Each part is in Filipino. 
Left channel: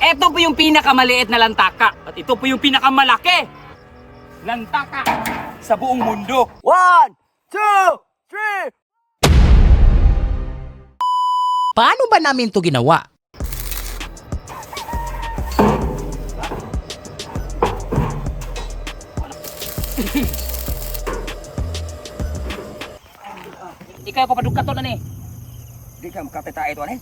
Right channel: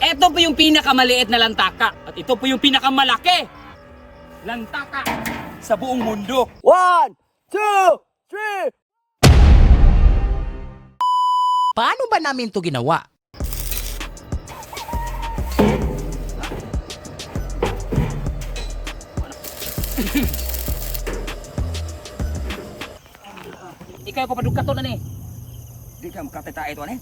Ito po yung pinakamaliit na lantaka. At ito po yung pinakamalaki lantaka sa buong mundo. 1, 2, 3. Paano ba namin to ginawa? Ikaw papadugkat to na ni. Di ka makatita ito ano?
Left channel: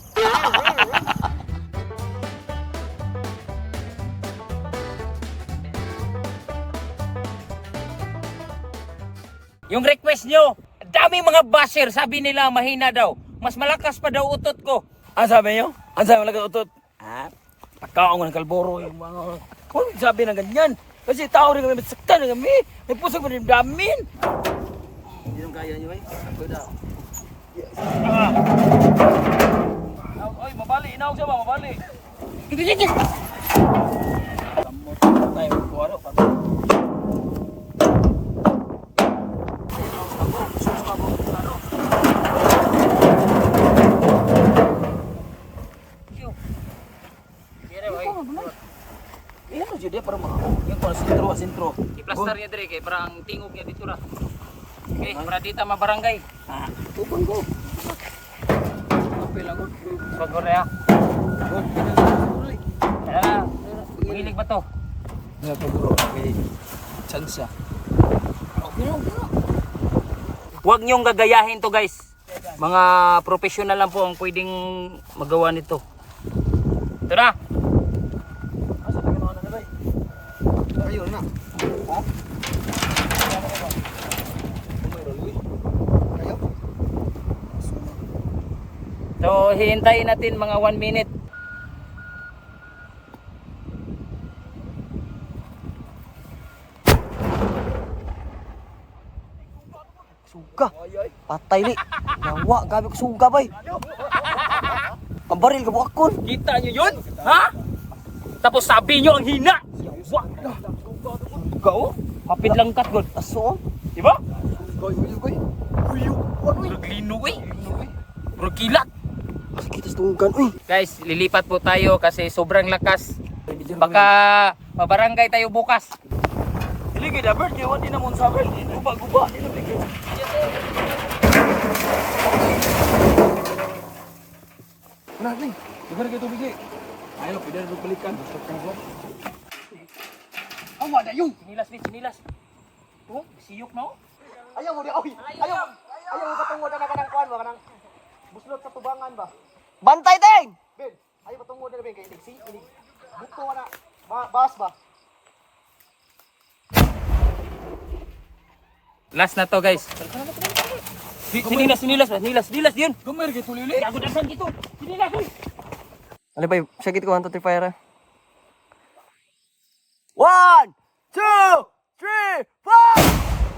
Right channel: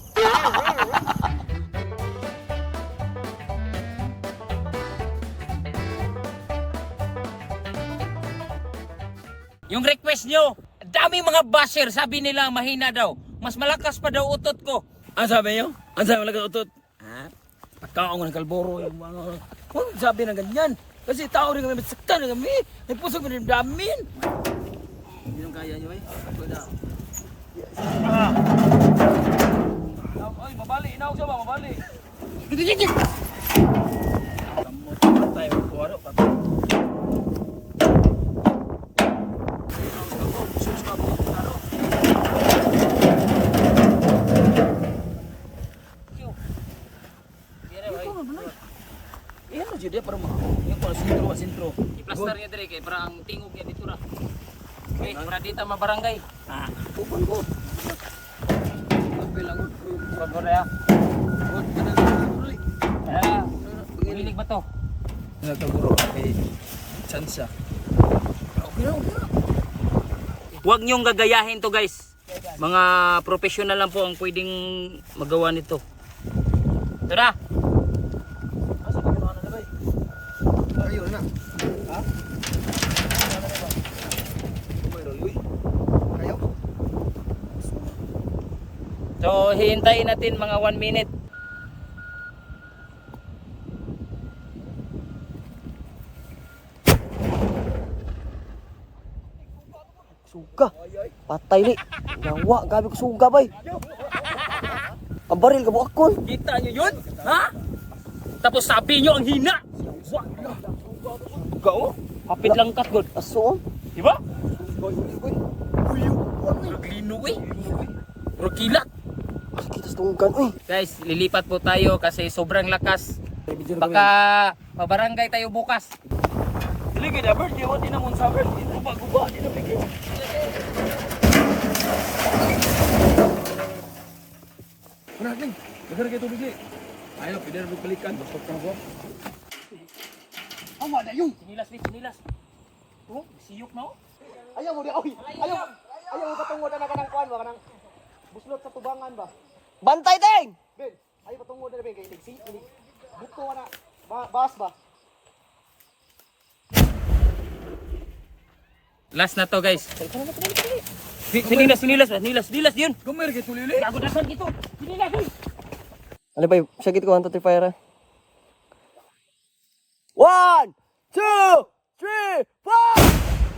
Yung request nyo, daming mga basher, sabi nila mahina daw. Mas malakas pa daw utot ko. Ang sabi nyo? Ang sabi mo lang utot? Ha? Pagkaon ko ng kalboro yung mga... Kung sabi na ganyan. Kasi tao rin kami, masaktan na kami. May pusok mo rin damin. Hindi nang kaya nyo eh. Kuda. Ay, mabali. Inaog siya ba? Mabali. Tayo, kuwaro. Iyan na dyan para mga. Yung para sintro. I-plaster niya dire kay para ang tingog niya dito ra. Okay, para dito mabarangay. Tupon ko. Bagor ya. Hilig ba to? Ano to guru? Okay. Chansa. Huwag niyong gagayahin to guys. Mga professional lang po ang pwedeng magawa nito. Ito na. Ayun na. Ha? Kayo? So hihintayin natin mga 1 minute. Suga. Patay ni. Yawa, gabi ko suga bay. Ang baril ka buakon. Kita niyo yun? Ha? Tapos sabi niyo ang hina. Wah, Ikaw? kapit lang kat god. Aso. Di ba? Goy. Naglino eh. Puro kilat. Sakit sa tunggan uy. Guys, lilipat po tayo kasi sobrang lakas. Baka mabarangay tayo bukas. Dili gid dapat di wala namon sabar. Guba. Mana ni? Dagar kay tubig ni. Ayo, pwede na balikan. Basta ka ko. Oh, wala yung. Sinilas. Oh, siyok na oh. Ayaw mo di oy. Ayaw mo patungod na kanang kuan ba kanang buslot sa tubangan ba? Bantay din. Ben, ayaw patungod na ben kay si ini. Buto na. Bas ba? Last na to guys. Sinilas yun. Gamay kay tulili. Ako dasan dito. Sinilas. Ano ba, sakit ko ang fire. 1, 2, 3, 4!